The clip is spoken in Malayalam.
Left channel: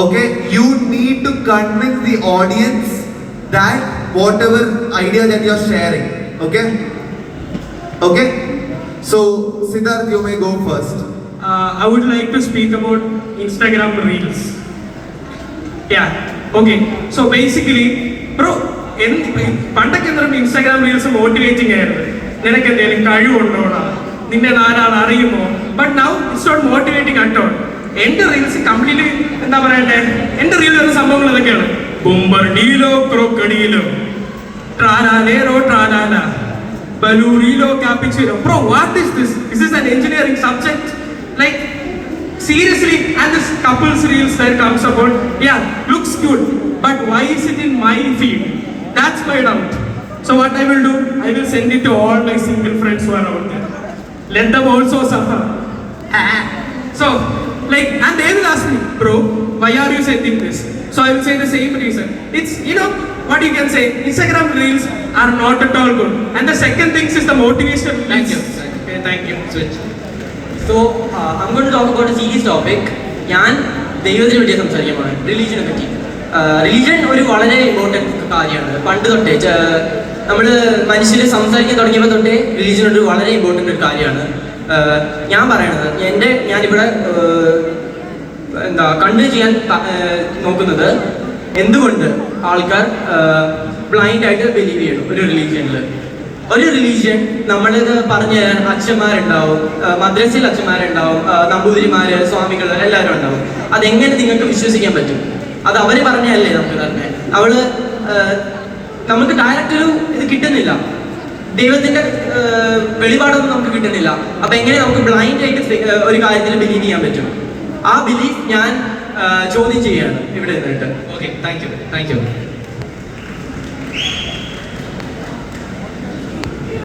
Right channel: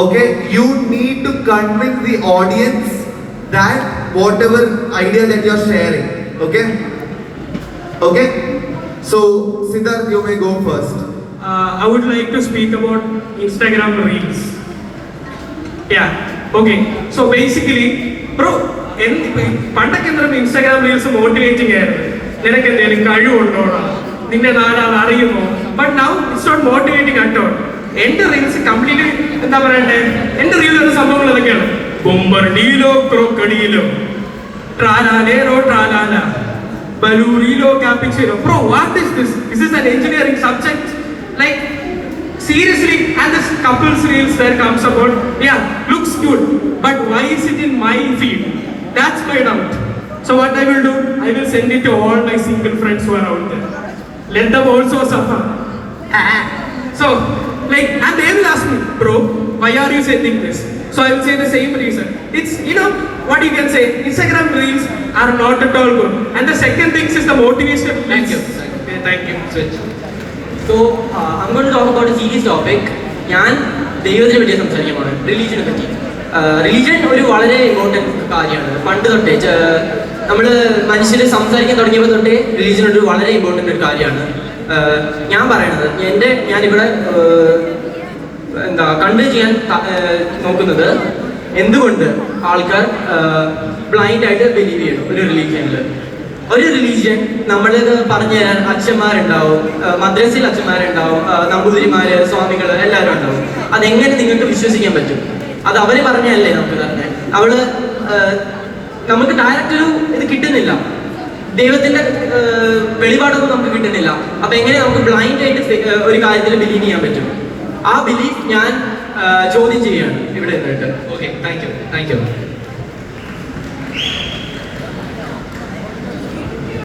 Okay, you need to convince the audience that whatever idea that you are sharing. Okay? Okay? So, Siddharth, you may go first. I would like to speak about Instagram Reels. Yeah, okay. So basically, bro, പണ്ടൊക്കെ എന്താ ഇൻസ്റ്റാഗ്രാം റീൽസ് മോട്ടിവേറ്റിംഗ് ആയിരുന്നു. നിനക്ക് എന്തെങ്കിലും കഴിവുണ്ടോടാ, നിന്നെ നാലാൾ അറിയുമോ? But now it's not motivating at all. എന്റെ റീൽസ് കംപ്ലീറ്റ്ലി എന്താ പറയട്ടെ, എന്റെ റീൽ വരുന്ന സംഭവങ്ങൾ അതൊക്കെയാണ്. ബൊമ്പർഡീലോ ക്രോക്കഡീലോ ട്രാലാലേറോ ട്രാലാല ബലൂറിലോ കാപ്പിച്ചിലോ. Bro, what is this? Is this an engineering subject? Like, seriously, and this couples reels that comes about, yeah, looks good, but why is it in my feed? That's my doubt. So what I will do, I will send it to all my single friends who are out there. Let them also suffer. So, like, and they will ask me, bro, why are you sending this? So I will say the same reason. It's, you know, what you can say, Instagram reels are not at all good. And the second thing is the motivation. Thank you. Okay, thank you. Switch. So, I'm going to talk about a serious topic. ഞാൻ ദൈവത്തിനെ പറ്റി സംസാരിക്കാൻ പോകണം, റിലീജിയനെ പറ്റി. റിലീജിയൻ ഒരു വളരെ ഇമ്പോർട്ടൻറ്റ് കാര്യമാണ്. പണ്ട് തൊട്ടേ നമ്മൾ മനുഷ്യർ സംസാരിക്കാൻ തുടങ്ങിയപ്പോൾ തൊട്ടേ റിലീജിയൻ ഒരു വളരെ ഇമ്പോർട്ടൻ്റ് ഒരു കാര്യമാണ്. ഞാൻ പറയണത് ഞാനിവിടെ കൺവേ ചെയ്യാൻ നോക്കുന്നത് എന്തുകൊണ്ട് ആൾക്കാർ ബ്ലൈൻഡ് ആയിട്ട് ബിലീവ് ചെയ്യും ഒരു റിലീജിയനിൽ. ഒരു റിലീജിയൻ നമ്മളിത് പറഞ്ഞു തരാൻ അച്ഛന്മാരുണ്ടാവും, മദ്രസയിൽ അച്ഛന്മാരുണ്ടാവും, നമ്പൂതിരിമാര്, സ്വാമികൾ എല്ലാവരും ഉണ്ടാവും. അതെങ്ങനെ നിങ്ങൾക്ക് വിശ്വസിക്കാൻ പറ്റും? അത് അവര് പറഞ്ഞല്ലേ നമുക്ക് തന്നെ. നമുക്ക് ഡയറക്റ്റ് ഒരു ഇത് കിട്ടുന്നില്ല, ദൈവത്തിന്റെ വെളിപാടൊന്നും നമുക്ക് കിട്ടുന്നില്ല. അപ്പൊ എങ്ങനെ നമുക്ക് ബ്ലൈൻഡ് ആയിട്ട് ഒരു കാര്യത്തിൽ ബിലീവ് ചെയ്യാൻ പറ്റും? ആ ബിലീഫ് ഞാൻ ചോദ്യം ചെയ്യുകയാണ് ഇവിടെ നിന്നിട്ട്. Okay, thank you.